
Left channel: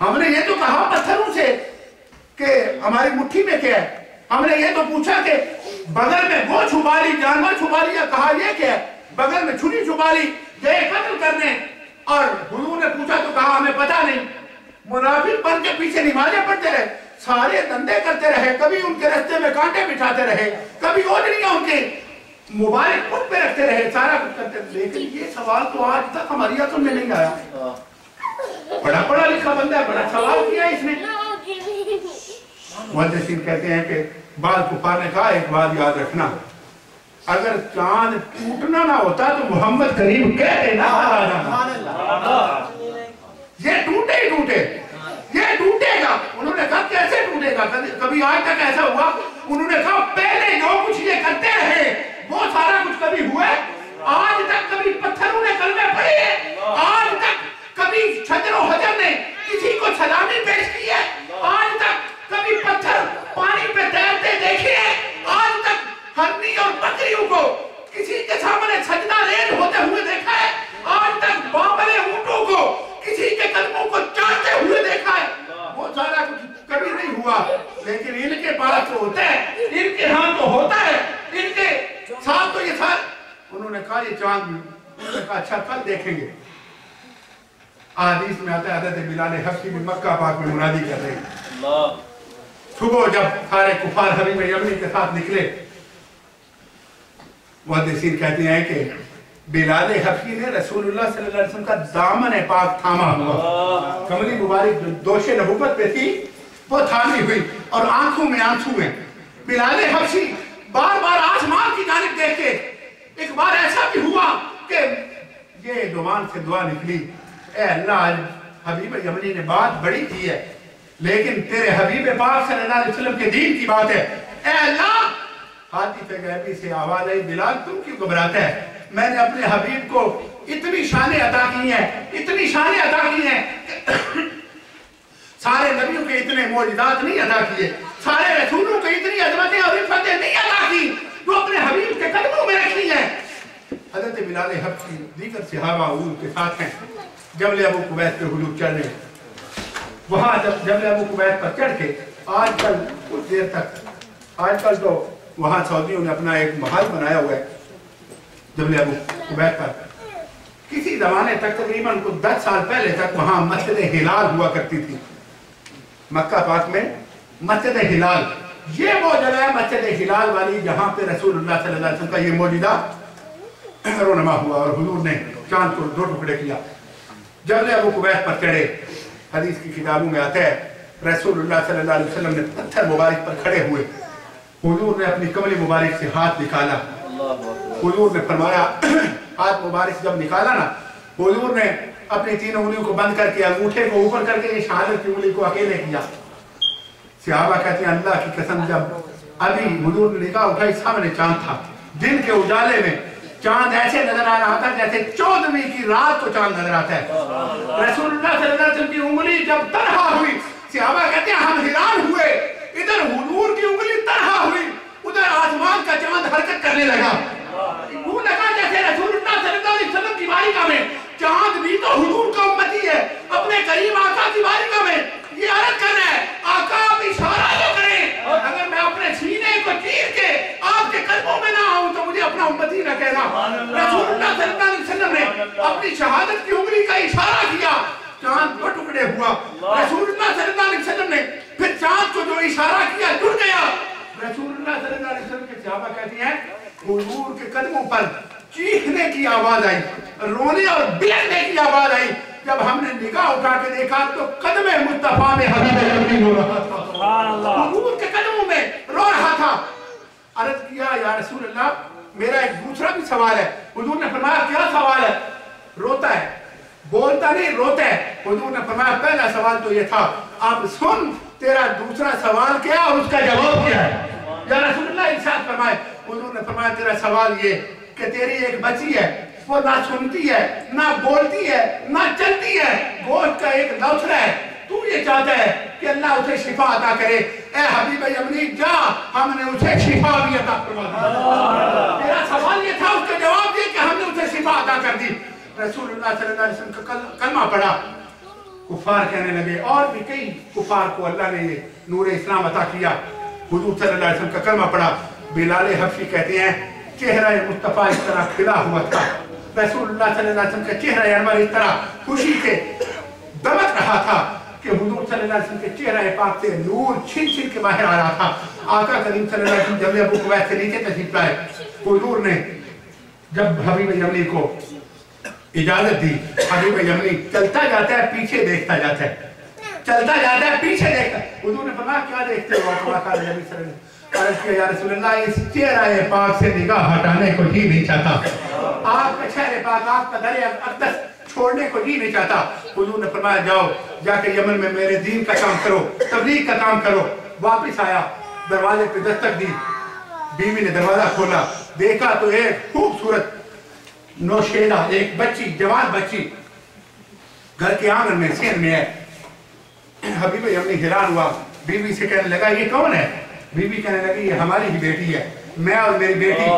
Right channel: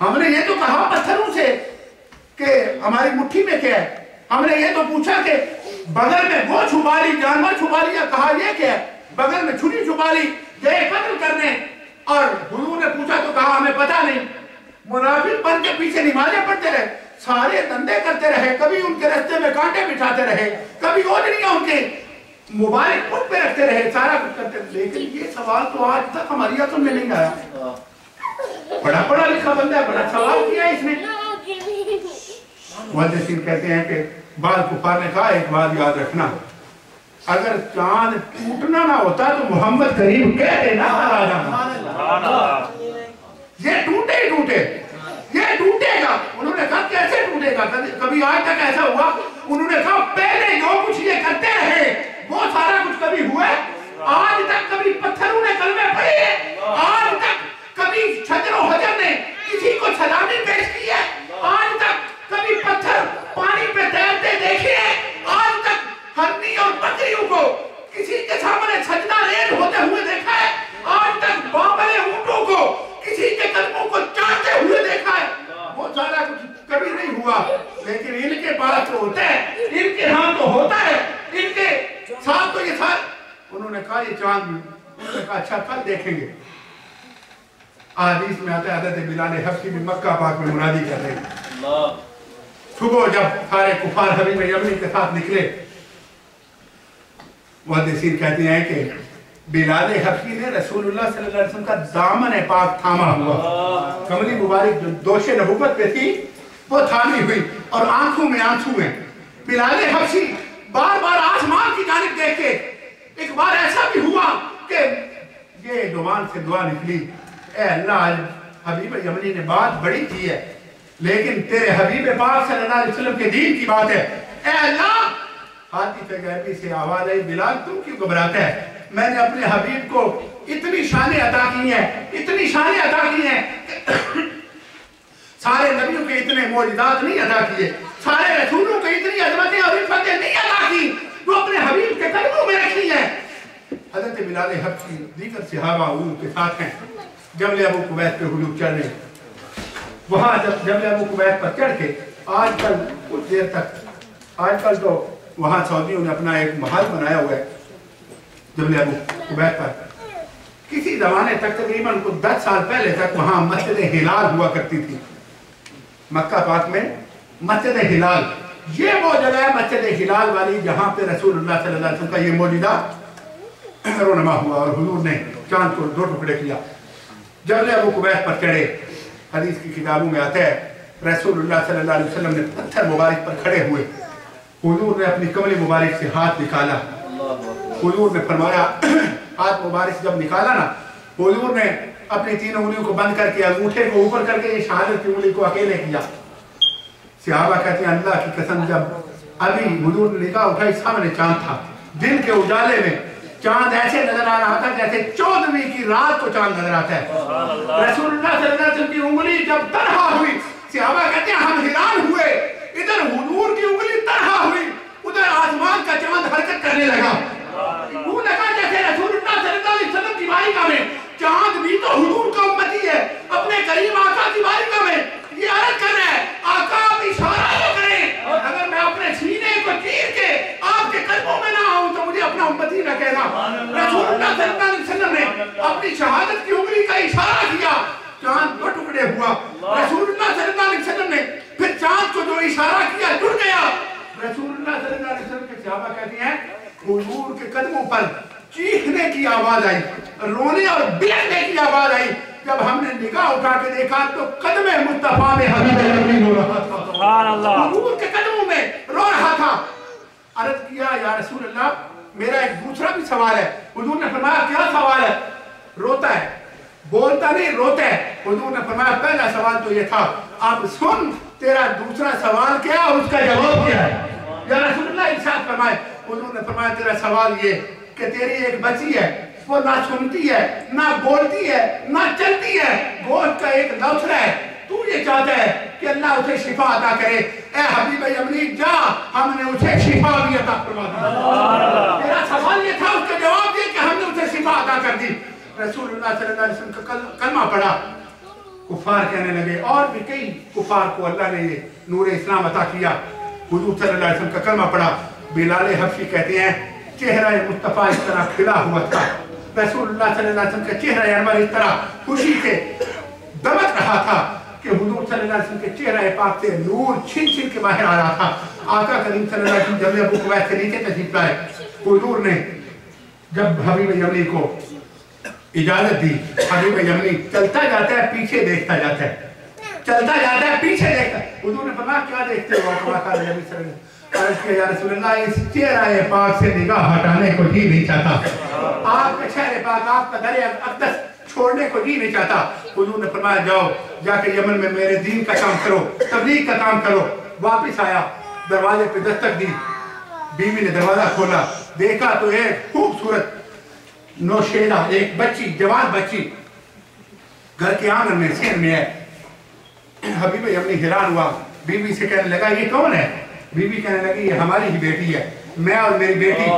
ہم نے یہ تو کہا پتھروں سے کہ ہماری مٹھی میں کیا ہے، ہم نے یہ تو پوچھا کہ بغل میں وہ چھپا لی، جانور چھپا لیا، کہا یہ کیا ہے، بغل میں چھری چھپا لی، یہ قتل کرنے، اور حضور نے پوچھا تو کہا ہمیں پتا نہیں۔ منافق بن کے پیچھے نمازیں پڑھتے رہے، سارے دندے کرتے رہے، کبھی ان کے رستے میں کانٹے بچھاتے رہے، کبھی اوڑھنیاں ان کے مبارک پٹ پہ رکھتے رہے، سارا کچھ کرتے رہے، لیکن یہ سوال تو آج تک ہماری عقل میں نہیں آیا۔ بڑا پڑھا لکھا بندہ ہے، بڑا سوال کیا ہے اس نے۔ محدثین کہتے ہیں کہ بعض کفار نے کہا ایک بات یاد رکھنا، اگر چاند ٹوٹنا نہ ہوتا تو محمد کریم کہتے نہ آ جانا، یہ ٹوٹے ہی ٹوٹے، یہ ٹوٹے گا۔ انہوں نے کہا کیسے ٹوٹے گا، کبھی آج تک ایسا ہوا؟ انہوں نے کہا پہلے جو کچھ یہ کرتے رہے وہ سارا کچھ کبھی ہوا ہے؟ آج تک کبھی پتھروں نے کلمے پڑھے ہیں؟ آج تک کبھی شجر و حجر نے کسی کو سلامی پیش کی ہے؟ آج تک کبھی پتھر پانی پہ تیرتے دیکھے ہیں؟ آج تک ہرنی اور بکریوں کو کسی کے سامنے سجدہ ریز ہوتے ہوئے دیکھا ہے؟ آج تک بامبلے اونٹوں کو کسی کے قدموں کو چاٹتے ہوئے دیکھا ہے؟ وہ سارا کچھ کبھی نہیں ہوا، لیکن ان کے پاس تو ہوتا ہے، ان کے ہاں تو ہوتا ہے، ان کے ساتھ تو یہ ساتھ۔ انہوں نے کہا یہ چاند بھی، انہوں نے کہا اچھا کل دیکھیں گے۔ حدیث میں آتا ہے حضرت بلال حبشی بھی مکہ پاک میں منادی کر رہے ہیں. صبح جب سارے کفار حبیب یمنی کے ساتھ نکلے، محدثین کہتے ہیں کہ بلال حبشی نے رسول اللہ صلی اللہ علیہ وسلم کا دامن پاک تھاما ہوا، کملی مبارک جو دوش نبوت پہ تھی وہ تھامی ہوئی اور آنکھوں میں آنسو ہیں. بلال حبشی بار بار آسمان کی جانب دیکھ کے، ایک بار ایسا بھی ہوا کہ یہ زبان سے دعا نکلی، اے اللہ حبیب یمنی نے بات بڑی کی ہے لیکن تیرے حبیب پاک صلی اللہ علیہ وسلم کے دین کی بات ہے، اے اللہ ہاتھی پہ غیبی سے آواز آئی، بلال تم کیوں گھبراتا ہے؟ میں نے اپنے حبیب کو اتنی شانیں عطا کی ہیں، اتنی شانیں عطا کی ہیں، سارے نبیوں کے اتنے معجزات نہیں عطا کیے، سارے رسولوں کے اتنی عظمتیں اور عفتیں نہیں عطا کی جو اپنے حبیب کے قدموں میں رکھی ہیں. حضرت بلال حبشی دیگر صحابہ حضور کے ساتھ ہیں، جبل ابو قبیس پہ حضور چڑھ رہے ہیں. وہاں جب جبل ابو قبیس پر چڑھ کے آج کل کچھ دیر تک، آج کل تو وہاں سعودیوں نے اپنا ایک محل بنایا ہوا ہے جبل ابو قبیس پر. کسی زمانے تک تقریباً کچھ 10 سال پہلے تک وہاں مسجد ہلال ہوا کرتی تھی. مکہ پاک میں مسجد ہلال، یہ وہ جگہ ہے مسجد ہلال والی جہاں پہ رسول اللہ صلی اللہ علیہ وسلم کا یہ معجزہ رونما ہوا اور حضور نے چاند کو 2 ٹکڑے کیا. جبل ابو قبیس پر چڑھے، حدیث کی کتابوں میں آتا ہے رسول اللہ صلی اللہ علیہ وسلم نے پتھر مبارک پر کھڑے ہوئے، حضور نے اپنی کملی مبارک سے ہاتھ نکالا. حضور نے فرمایا، ہاتھ مبارک جب نکالا نا، حضور نے اپنی 3 انگلیوں کو بند کر کے انگوٹھے کو اوپر کر کے یہ شہادت کی انگلی کو اکیلے کیا. صحابہ کہتے ہیں اللہ کی قسم جب ابھی حضور نے نگاہ اٹھائی سامنے چاند تھا، دن کے اجالے میں چاند ایسے نظر آ رہا تھا جیسے 14ویں کی رات کو چاند نظر آتا ہے. رسول اللہ صلی اللہ علیہ وسلم کی انگلی جب تنہا ہوئی، صحابہ کہتے ہیں ہم حیران ہوئے، ادھر حضور کی انگلی تنہا ہوئی، ادھر آسمان کا چاند حرکت کرنے لگا. وہ لگا جیسے رسول اللہ صلی اللہ علیہ وسلم کی بارگاہ میں چاند بھی تو حضور کا امتی ہے، اپنے کریم آقا کی بارگاہ میں یہ عرض کر رہا ہے آقا آپ اشارہ تو کریں، اگر میں اپنے سینے کو چیر کے آپ کے قدموں میں نہ آؤں تو مجھے اپنا امتی نہ کہنا. رسول اللہ صلی اللہ علیہ وسلم نے اپنی شہادت کی انگلی کا اشارہ کیا، چاند 2 ٹکڑے ہوا. رسول اللہ صلی اللہ علیہ وسلم نے پھر چاند کو جو اشارہ کیا جڑ گیا. رسول اللہ صلی اللہ علیہ وسلم کے صحابہ کہتے ہیں حضور کے قدموں پر چیخنے کی آواز آئی، رونے اور بلکنے کی آواز آئی. جب ہم نے نگاہ اٹھا کے دیکھا تو قدم مصطفیٰ میں حبیب یمنی رو رہا تھا، سبحان اللہ، حضور کے قدموں میں رو رہا تھا. عرض کیا یا رسول اللہ میرا ایک دوسرا بھی سوال ہے. حضور نے فرمایا کیا سوال ہے؟ روتا ہے، بولتا نہیں روتا ہے. حضور نے فرمایا پہلا سوال تو یہ تھا، اب سن تیرا دوسرا سوال کیا اور اس کا جواب کیا ہے؟ یا رسول اللہ ارشاد فرمائے. حضور نے فرمایا تیرا سوال یہ کہ تیری ایک بچی ہے، وہ نہ سنتی ہے، نہ بولتی ہے، نہ چلتی ہے، گوشت کا ایک لوتھڑا ہے، تو یہ چاہتا ہے کہ اللہ اسے شفا عطا کرے. اے حبیب یمنی جا، ہم نے اسے شفا بھی عطا فرما دی. تیرا سوال یہ تھا، اس کا جواب یہ کہ ہم نے اسے شفا عطا کر دی. رسول اللہ صلی اللہ علیہ وسلم کا کلمہ پڑھا. کفار کہنے لگے، اور بھی کئی کفار کو اللہ نے یہ نور اسلام عطا کیا. حضور صلی اللہ علیہ وسلم کا کلمہ پڑھا. بلال حبشی کہتے ہیں چہرہ مصطفیٰ اس طرح کھلا ہوا تھا، رسول اللہ صلی اللہ علیہ وسلم کا چہرہ انور اس طرح خوشی سے دمک رہا تھا کہ حضور صلی اللہ علیہ وسلم کے چہرہ پاک سے نور چھن چھن کے باہر آ رہا تھا. آقا کریم صلی اللہ علیہ وسلم جبل ابو قبیس سے نیچے تشریف لائے. حضور نے جب حبیب یمنی کو اجازت دی، حبیب یمنی چلتا جاتا ہے پیچھے دیکھتا جاتا ہے، چلتا جاتا ہے پیچھے دیکھتا ہے. حضور نے فرمایا کیا دیکھتے ہو؟ آقا نبی صلی اللہ علیہ وسلم عرض کیا یا رسول اللہ اس چہرہ پاک سے نگاہ ہٹانے کو جی نہیں چاہتا، آپ کا چہرہ پاک، آپ کا در اقدس چھوڑنے کو جی نہیں چاہتا. حضور نے فرمایا جاؤ جا کے یمن میں میرے دین کا کام کرو، تبلیغ کا کام کرو. واپس آیا، دروازے پہ دستک دی، بیوی نے دروازہ کھولا، دیکھا تو ایک خوبصورت نوشیدہ ایک بچی، جوان بچی گھر کے آنگن میں سین میں ہے. حبیب یمنی حیران ہوا، بیوی سے کہنے لگا یہ کون ہے؟ بیوی کہنے لگی یہ ہماری ہی بیٹی ہے، میں اور میری بیٹی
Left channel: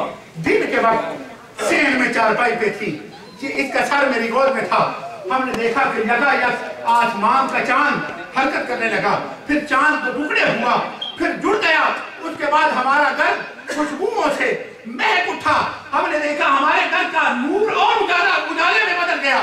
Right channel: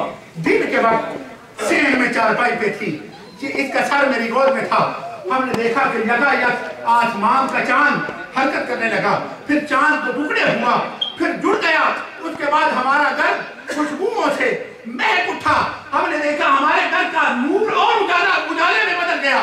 دن کے وقت سین میں چارپائی پہ تھی، اس کا سر میری گود میں تھا. ہم نے دیکھا کہ یکایک آسمان کا چاند حرکت کرنے لگا، پھر چاند تو ٹکڑے ہوا، پھر جڑ گیا. اس کے بعد ہمارا گھر خوشبوؤں سے مہک اٹھا. ہم نے دیکھا ہمارے گھر کا نور اور اجالے میں بدل گیا.